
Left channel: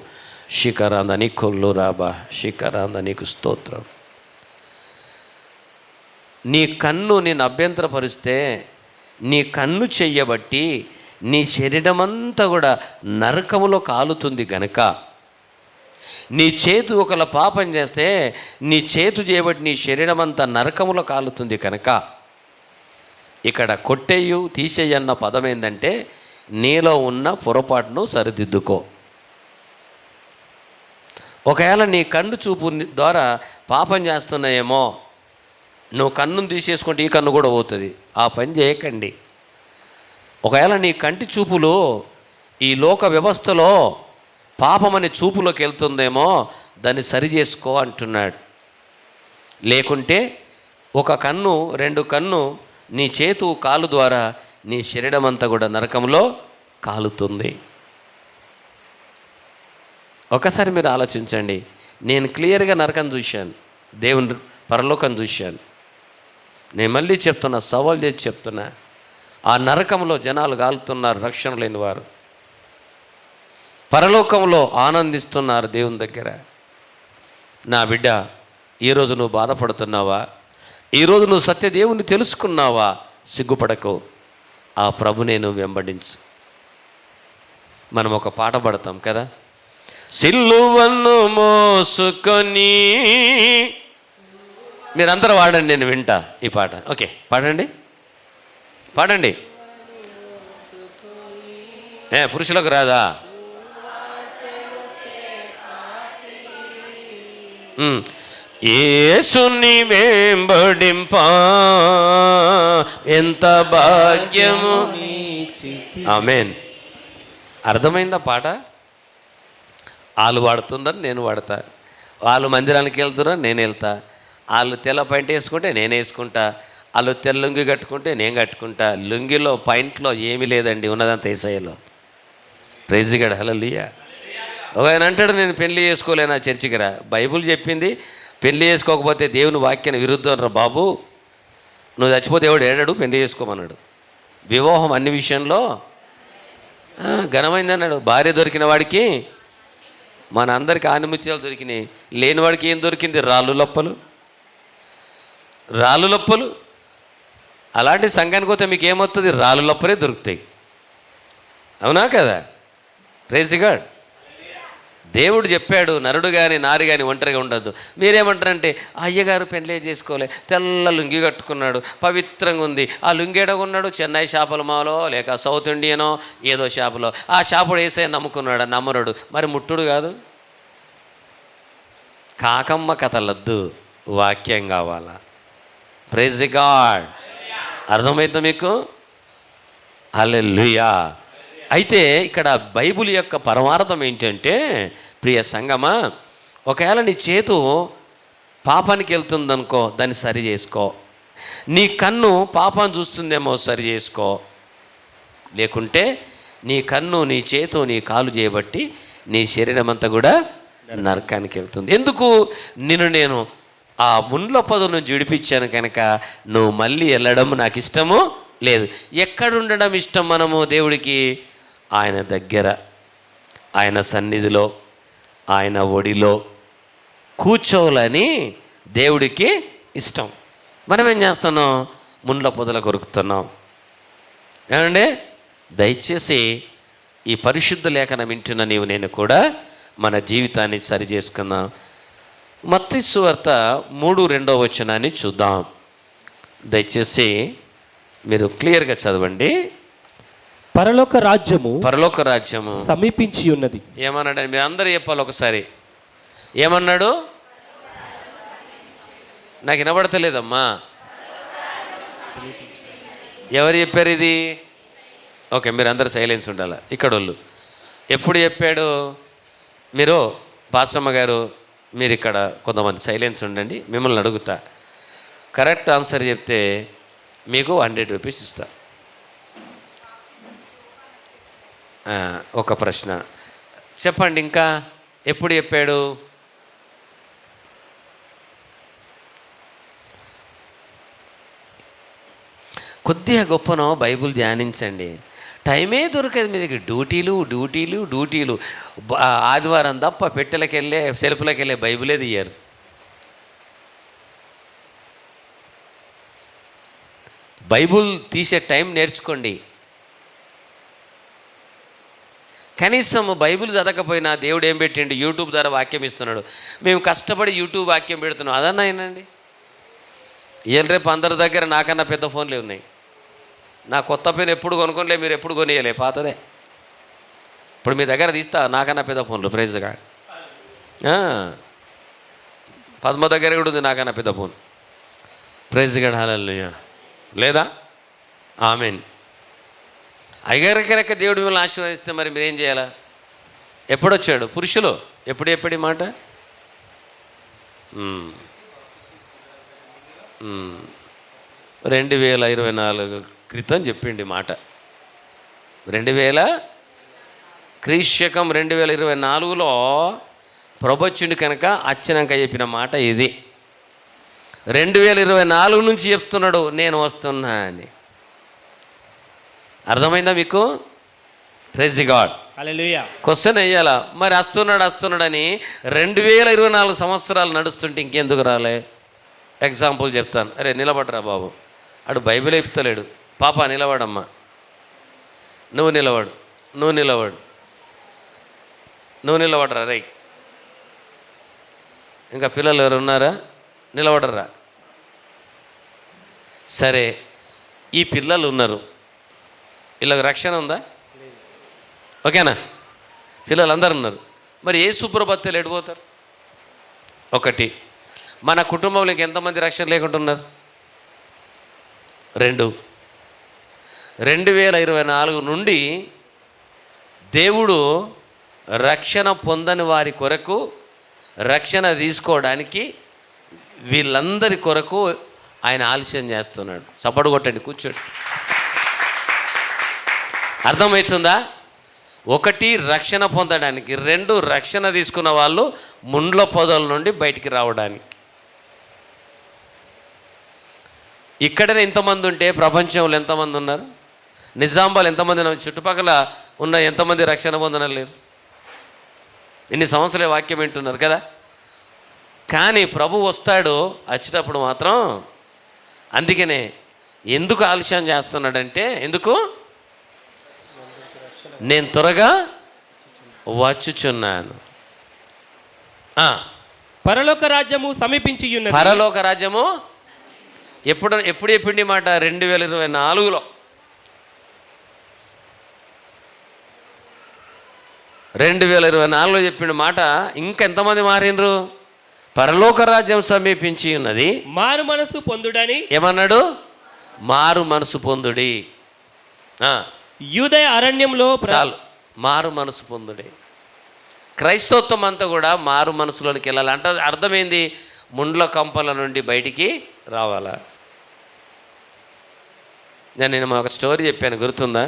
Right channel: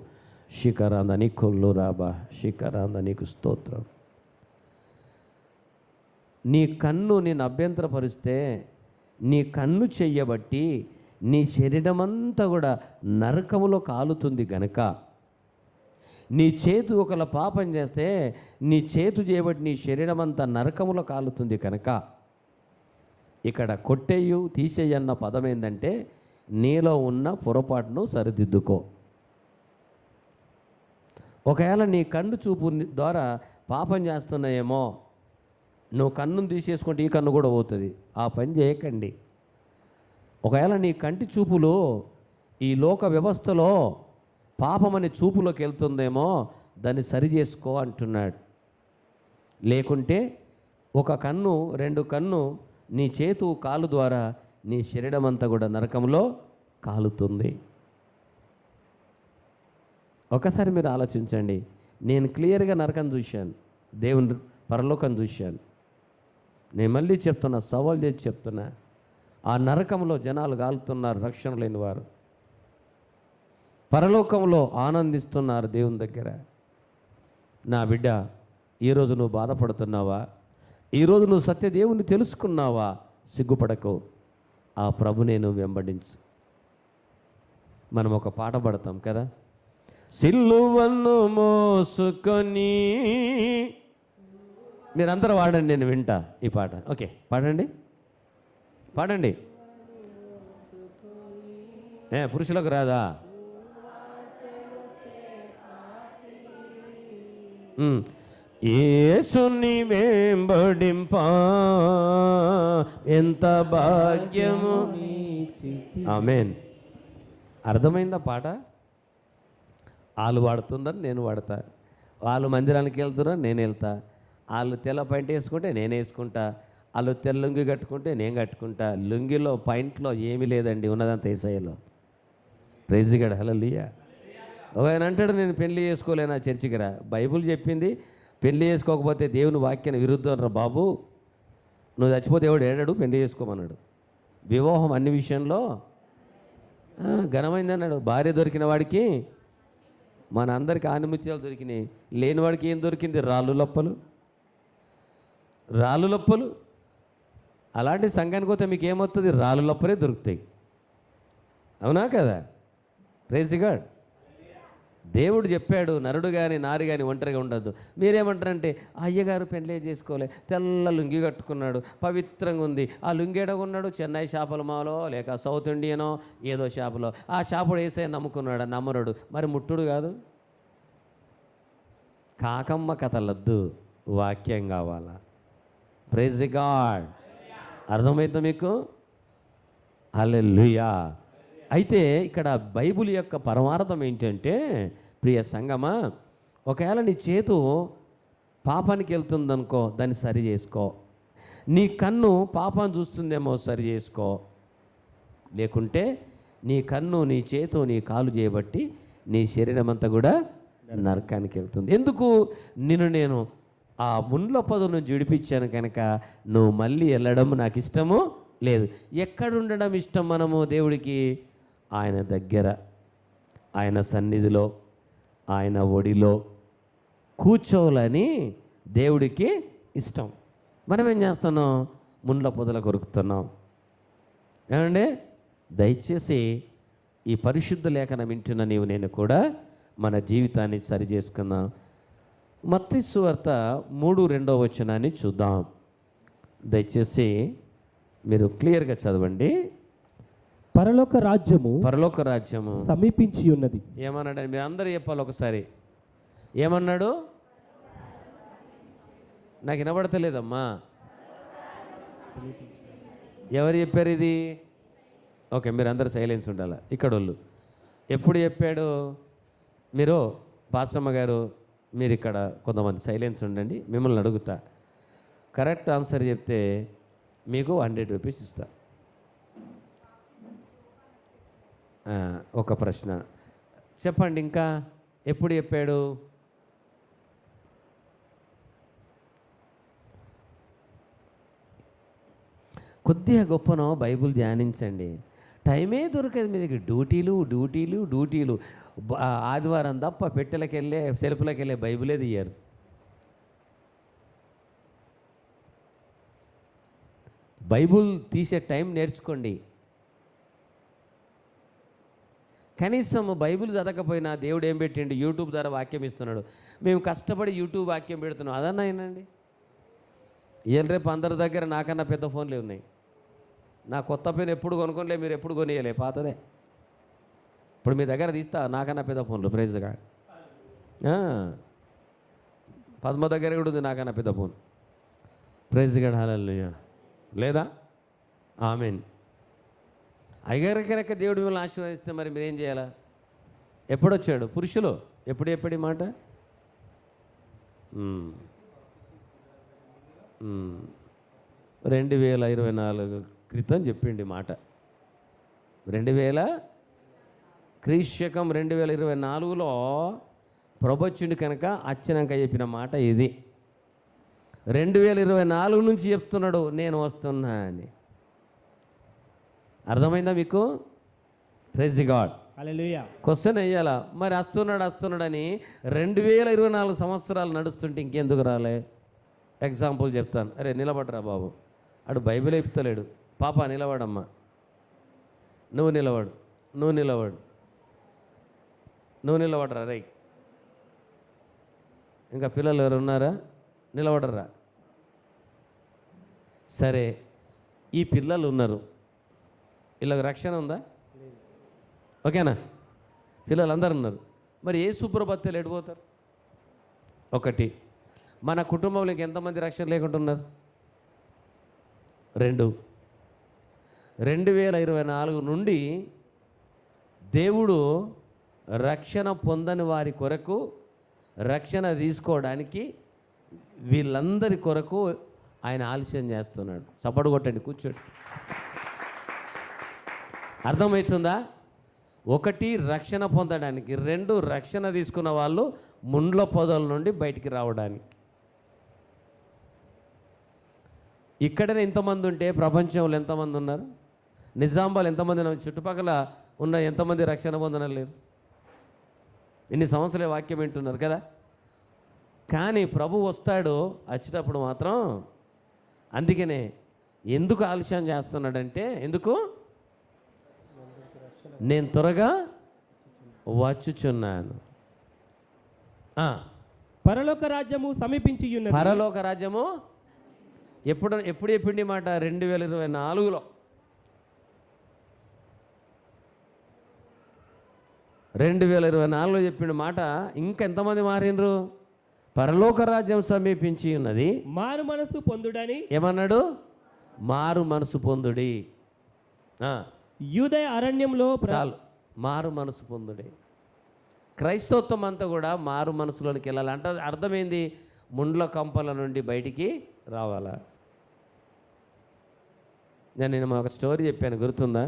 శిఖరాంద నీకు రాబా శిఖరాంద నీకు స్తోత్రం. నీ కన్ను నేను అభ్యంతరపరిస్తే, నీ కన్ను చెయ్యబట్టి నీ శరీరమంతా కూడా నరకములో కాలుతుంది గనక, నీ చేతు ఒకళ్ళ పాపం చేస్తే నీ చేతు చేయబట్టి నీ శరీరం అంతా నరకములో కాలుతుంది కనుక, ఇక్కడ కొట్టేయు తీసేయి అన్న పదం ఏంటంటే, నీలో ఉన్న పొరపాటును సరిదిద్దుకో. ఒకవేళ నీ కన్ను చూపు ద్వారా పాపం చేస్తున్నాయేమో, నువ్వు కన్నును తీసేసుకుంటే ఈ కన్ను కూడా పోతుంది. ఆ పని చేయకండి. ఒకవేళ నీ కంటి చూపులు ఈ లోక వ్యవస్థలో పాపమనే చూపులోకి వెళ్తుందేమో, దాన్ని సరి చేసుకో అంటున్నాడు. లేకుంటే ఒక కన్ను, రెండు కన్ను నీ చేతు కాలు ద్వారా నీ శరీరం అంతా కూడా నరకంలో కాలుతుంది. ఒకసారి మీరు ఆలోచించండి. నేను క్లియర్గా నరకం చూశాను, దేవుని పరలోకం చూశాను. నేను మళ్ళీ చెప్తున్నా, సవాల్ చేసి చెప్తున్నా, ఆ నరకంలో జనాలు కాలుతున్నారు, రక్షణ లేని వారు. పరలోకంలో ఆనందిస్తున్నారు దేవుని దగ్గర. నా బిడ్డ, ఈరోజు నువ్వు బాధపడుతున్నావా? ఈరోజు నువ్వు సత్యదేవుని తెలుసుకున్నావా? సిగ్గుపడకు, ఆ ప్రభునే నువ్వు వెంబడించు. మనం ఒక పాట పాడతాం కదా, సిలువను మోసుకొని. మీరందరూ వాడండి, నేను వింటా ఈ పాట. ఓకే, పాడండి పాడండి. పురుషులకు రాదా? యేసుని వెంబడింప ఎంత భాగ్యము. ఆమేన్. అర్థమైందా పాట? వాళ్ళు వాడుతున్నారు, నేను వాడతా. వాళ్ళు మందిరానికి వెళ్తున్నారు, నేను వెళ్తా. వాళ్ళు తెల్ల పాయింట్ వేసుకుంటే నేను వేసుకుంటా. వాళ్ళు తెల్ల లుంగి కట్టుకుంటే నేను కట్టుకుంటా. లుంగిలో పాయింట్లో ఏమీ లేదండి, ఉన్నదంతా యేసయ్యలో. Praise god. హల్లెలూయా. ఒక ఆయన అంటాడు, నేను పెళ్లి చేసుకోలేనా, చర్చికి రా. బైబుల్ చెప్పింది పెళ్లి చేసుకోకపోతే దేవుని వాక్యాన్ని విరుద్ధం రా బాబు. నువ్వు చచ్చిపోతే ఎవడు ఏడాడు, పెళ్లి చేసుకోమన్నాడు. వివాహం అన్ని విషయంలో ఘనమైంది అన్నాడు. భార్య దొరికిన వాడికి మన అందరికీ ఆనిముత్యాలు దొరికినాయి, లేనివాడికి ఏం దొరికింది? రాళ్ళు లప్పలు. రాళ్ళు లప్పలు. అలాంటి సంఘానికి పోతే మీకు ఏమవుతుంది? రాళ్ళు లప్పలే దొరుకుతాయి. అవునా కదా? Praise God. దేవుడు చెప్పాడు, నరుడు కానీ నారి కానీ ఒంటరిగా ఉండద్దు. మీరేమంటారంటే, అయ్యగారు పెళ్ళే చేసుకోలే, తెల్ల లుంగి కట్టుకున్నాడు, పవిత్రంగా ఉంది. ఆ లుంగి ఎడగొన్నాడు, చెన్నై షాపుల మాలో లేక సౌత్ ఇండియనో ఏదో షాపులో. ఆ షాపుడు వేసే నమ్ముకున్నాడు, నమ్మరుడు. మరి ముట్టుడు కాదు. కాకమ్మ కథలద్దు, వాక్యం కావాలా. Praise God. అర్థమైందా మీకు? హల్లెలూయా. అయితే ఇక్కడ బైబిల్ యొక్క పరమార్థం ఏంటంటే, ప్రియ సంగమా, ఒకవేళ నీ చేతు పాపానికి వెళ్తుందనుకో, దాన్ని సరి చేసుకో. నీ కన్ను పాపాన్ని చూస్తుందేమో, సరి చేసుకో. లేకుంటే నీ కన్ను, నీ చేతు, నీ కాలు చేయబట్టి నీ శరీరం అంతా కూడా నరకానికి వెళ్తుంది. ఎందుకు? నేను ఆ ముండ్ల పదు నుంచి విడిపించాను కనుక నువ్వు మళ్ళీ వెళ్ళడం నాకు ఇష్టము లేదు. ఎక్కడుండడం ఇష్టం మనము దేవుడికి? ఆయన దగ్గర, ఆయన సన్నిధిలో, ఆయన ఒడిలో కూర్చోవాలని దేవుడికి ఇష్టం. మనం ఏం చేస్తున్నాం? ముండ్ల పొదల కొరుకుతున్నాం. ఏమండి, దయచేసి ఈ పరిశుద్ధ లేఖనం వింటున్న నీవు నేను కూడా మన జీవితాన్ని సరి చేసుకుందాం. మత్తయి సువార్త 3:2 చూద్దాం. దయచేసి మీరు క్లియర్గా చదవండి. పరలోక రాజ్యము సమీపించి ఉన్నది. ఏమన్నాడు? మీరు అందరూ చెప్పాలి ఒకసారి. ఏమన్నాడు? నాకు వినబడతలేదమ్మా. ఎవరు చెప్పారు ఇది? ఓకే, మీరు అందరు సైలెన్స్ ఉండాలి. ఇక్కడ వాళ్ళు ఎప్పుడు చెప్పాడు? మీరు పాస్టమ్మ గారు, మీరు ఇక్కడ కొంతమంది సైలెన్స్ ఉండండి. మిమ్మల్ని అడుగుతా, కరెక్ట్ ఆన్సర్ చెప్తే మీకు 100 రూపీస్ ఇస్తా. ఒక ప్రశ్న చెప్పండి. ఇంకా ఎప్పుడు చెప్పాడు? కొద్దిగా గొప్పనో బైబిల్ ధ్యానించండి. టైమే దొరకదు మీ దగ్గర. డ్యూటీలు. ఆదివారం తప్ప పెట్టెలకు వెళ్ళే సెల్పులకు వెళ్ళే బైబిలే తీయరు. బైబుల్ తీసే టైం నేర్చుకోండి. కనీసం బైబిల్ చదవకపోయినా దేవుడు ఏం పెట్టిండు, యూట్యూబ్ ద్వారా వాక్యం ఇస్తున్నాడు. మేము కష్టపడి యూట్యూబ్ వాక్యం పెడుతున్నాం. అదన్నా అయినండి. ఇవాళ రేపు అందరి దగ్గర నాకన్నా పెద్ద ఫోన్లే ఉన్నాయి. నా కొత్త పెన్ ఎప్పుడు కొనుక్కోలే, మీరు ఎప్పుడు కొనియలే, పాతదే. ఇప్పుడు మీ దగ్గర తీస్తా నాకన్నా పెద్ద ఫోన్లు. ప్రైజ్గా పద్మ దగ్గర కూడా ఉంది నాకన్నా పెద్ద ఫోన్. ప్రైజ్గా హల్లెలూయా. లేదా? ఆమేన్. అయ్యగారిక దేవుడు మిమ్మల్ని ఆశీర్వదిస్తే మరి మీరేం చేయాలా? ఎప్పుడొచ్చాడు పురుషులు? ఎప్పుడు మాట 2024 క్రితం చెప్పిండి మాట. 2024లో ప్రభొచ్చుండి కనుక వచ్చినాక చెప్పిన మాట ఇది. 2024 నుంచి చెప్తున్నాడు నేను వస్తున్నా అని. అర్థమైందా మీకు? Praise god. హల్లెలూయా. క్వశ్చన్ వేయాలా మరి? వస్తున్నాడని 2024 సంవత్సరాలు నడుస్తుంటే ఇంకెందుకు రాలే? ఎగ్జాంపుల్ చెప్తాను. అరే నిలబడరా బాబు, అడు బైబిల్ చెప్తలేడు. పాప నిలబడమ్మా, నువ్వు నిలబడరా రై. ఇంకా పిల్లలు ఎవరు ఉన్నారా? నిలబడరా. సరే, ఈ పిల్లలు ఉన్నారు, వీళ్ళకి రక్షణ ఉందా? ఓకేనా? పిల్లలు అందరు ఉన్నారు. మరి ఏ సుప్రభత్తులు ఎడిపోతారు? ఒకటి, మన కుటుంబంలో ఎంతమంది రక్షణ లేకుండా ఉన్నారు? 2, 2024 నుండి దేవుడు రక్షణ పొందని వారి కొరకు రక్షణ తీసుకోవడానికి వీళ్ళందరి కొరకు ఆయన ఆలస్యం చేస్తున్నాడు. సపోర్ట్ కొట్టండి, కూర్చోండి. అర్థమవుతుందా? 1 రక్షణ పొందడానికి, 2 రక్షణ తీసుకున్న వాళ్ళు ముండ్ల పొదల నుండి బయటికి రావడానికి. ఇక్కడనే ఎంతమంది ఉంటే ప్రపంచంలో ఎంతమంది ఉన్నారు? నిజామాబాద్ ఎంతమంది ఉన్నారు? చుట్టుపక్కల ఉన్న ఎంతమంది రక్షణ పొందనలేరు? ఇన్ని సంవత్సరాల వాక్యం వింటున్నారు కదా. కానీ ప్రభు వస్తాడు, వచ్చేటప్పుడు మాత్రం అందుకనే ఎందుకు ఆలస్యం చేస్తున్నాడంటే, ఎందుకు? నేను త్వరగా వచ్చుచున్నాను. పరలోక రాజ్యము సమీపించి ఉన్నది. పరలోక రాజ్యము ఎప్పుడు చెప్పిండి మాట? 2024లో. 2024లో చెప్పిన మాట. ఇంకెంతమంది మారిండ్రు? పరలోక రాజ్యం సమీపించి ఉన్నది, మారు మనసు పొందుడని ఏమన్నాడు? మారు మనసు పొందుడి. యూదయ అరణ్యంలో చాలు, మారు మనసు పొందుడి. క్రైస్తవత్వం అంతా కూడా మారు మనసులోనికి వెళ్ళాలి. అంటే అర్థమైంది, ముండ్ల కంపల నుండి బయటికి రావాలా. నేను ఒక స్టోరీ చెప్పాను, గుర్తుందా?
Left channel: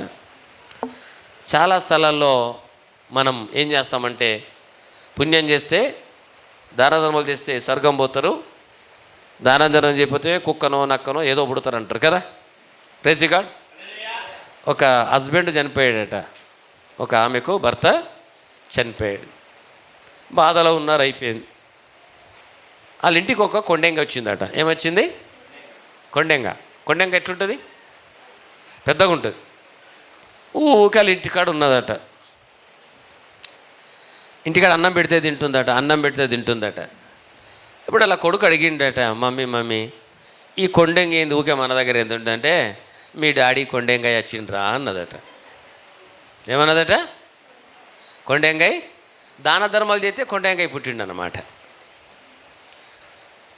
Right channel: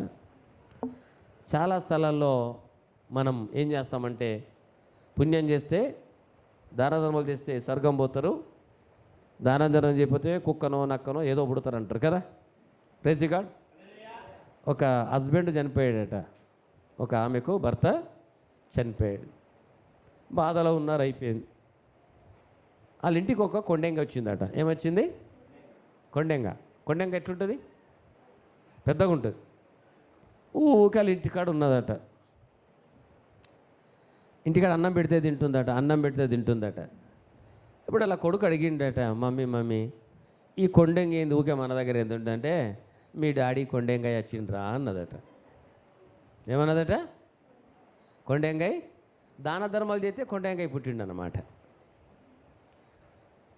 చాలా స్థలాల్లో మనం ఏం చేస్తామంటే, పుణ్యం చేస్తే, దానధర్మాలు చేస్తే స్వర్గం పోతారు, దానధర్మం చేయకపోతే కుక్కనో నక్కనో ఏదో పుడతారు అంటారు కదా. Praise God. ఒక హస్బెండ్ చనిపోయాడట, ఒక ఆమెకు భర్త చనిపోయాడు. బాధలో ఉన్నారు, అయిపోయింది. వాళ్ళ ఇంటికి ఒక కొండెంగ వచ్చిందట. ఏమొచ్చింది? కొండెంగ ఎట్లుంటుంది? పెద్దగా ఉంటుంది. ఊరికే వాళ్ళ ఇంటికాడ ఉన్నదట. ఇంటికాడ అన్నం పెడితే తింటుందట. ఇప్పుడు అలా కొడుకు అడిగిండట, మమ్మీ ఈ కొండెంగ ఏంది ఊకే మన దగ్గర ఎందుంటే, మీ డాడీ కొండెంగాయ వచ్చిండ్రా అన్నదట. ఏమన్నదట? కొండెంగాయ దాన ధర్మాలు చేస్తే కొండెంగాయ పుట్టిండనమాట.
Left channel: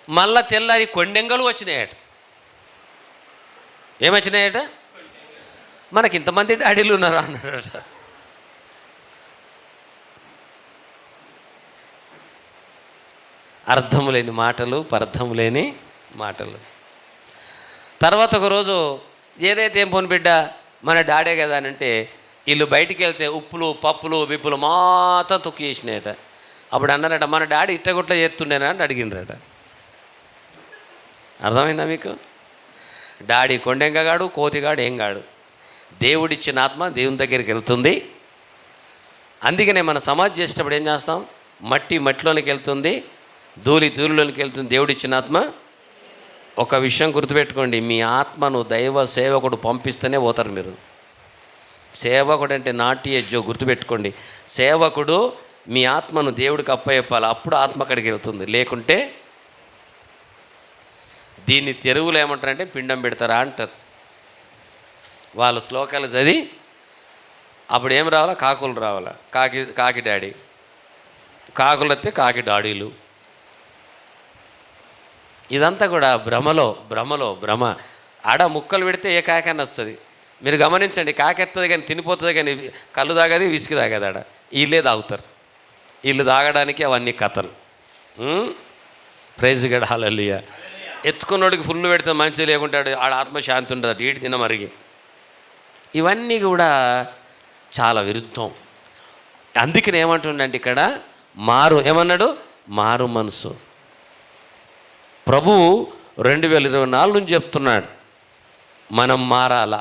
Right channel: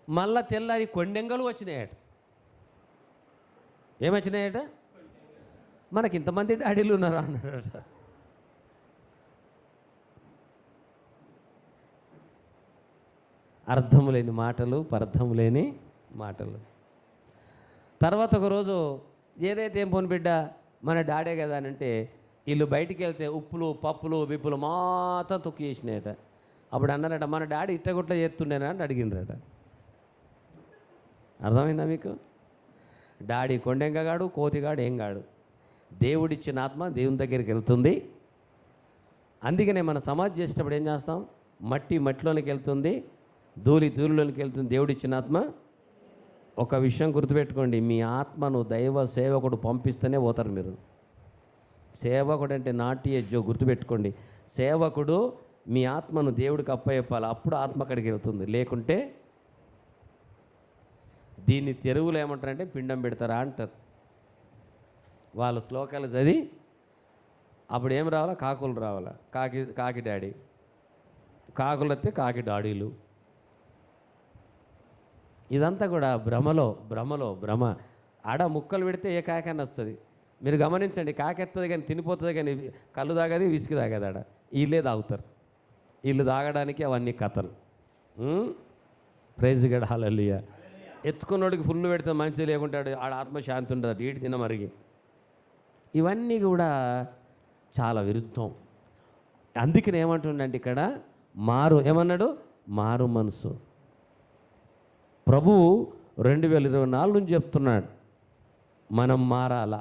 మళ్ళా తెల్లారి కొండెంగలు వచ్చినాయట. ఏమొచ్చినాయట? మనకి ఇంతమంది డాడీలు ఉన్నారా అన్నాడట. అర్థము లేని మాటలు, పరర్థము లేని మాటలు. తర్వాత ఒకరోజు ఏదైతే ఏం పోను బిడ్డ మన డాడే కదా అని అంటే, వీళ్ళు బయటికి వెళ్తే ఉప్పులు పప్పులు బిప్పులు మొత్తం తొక్కి చేసినాయట. అప్పుడు అన్నారట, మన డాడీ ఇట్టగొట్ల చేస్తుండేనా అని అడిగినరట. అర్థమైందా మీకు? డాడీ కొండెంగగాడు, కోతిగాడు ఏం కాడు. దేవుడిచ్చిన ఆత్మ దేవుని దగ్గరికి వెళ్తుంది. అందుకనే మన సమాధి చేసేటప్పుడు ఏం చేస్తాం? మట్టిలోనికి వెళ్తుంది, ధూళిలోనికి వెళ్తుంది దేవుడిచ్చిన ఆత్మ. ఒక విషయం గుర్తుపెట్టుకోండి, మీ ఆత్మను దైవ సేవకుడు పంపిస్తేనే పోతారు మీరు. సేవకుడు అంటే నాట్ ఏ జోక్, గుర్తుపెట్టుకోండి. సేవకుడు మీ ఆత్మను దేవుడికి అప్పచెప్పాలి, అప్పుడు ఆత్మ అక్కడికి వెళ్తుంది. లేకుంటే దీన్ని తెలుగులో ఏమంటారంటే పిండం పెడతారా అంటారు. వాళ్ళ శ్లోకాలు చదివి అప్పుడు ఏం రావాలా? కాకులు రావాలా, కాకి డాడీ. కాకులు వస్తే కాకి డాడీలు. ఇదంతా కూడా భ్రమ. ఆడ ముక్కలు పెడితే ఏ కాకని వస్తుంది. మీరు గమనించండి, కాకెత్తది కానీ తినిపోతుంది, కానీ కళ్ళు తాగది, విసికి తాగదు. ఆడ వీళ్ళే తాగుతారు. వీళ్ళు తాగడానికి అవన్నీ కథలు. ప్రైజ్ గడ్ హల్లెలూయా. ఎత్తుకున్నోడికి ఫుల్ పెడితే మంచిది, లేకుంటాడు ఆడ ఆత్మశాంతి ఉండదు, ఈడు తిన మరిగి. ఇవన్నీ కూడా చాలా విరుద్ధం. అందుకని ఏమంటుండంటే ఇక్కడ ఏమన్నాడు? మారు మనసు. ప్రభువు 2024 నుంచి చెప్తున్నాడు, మనం మారాలా.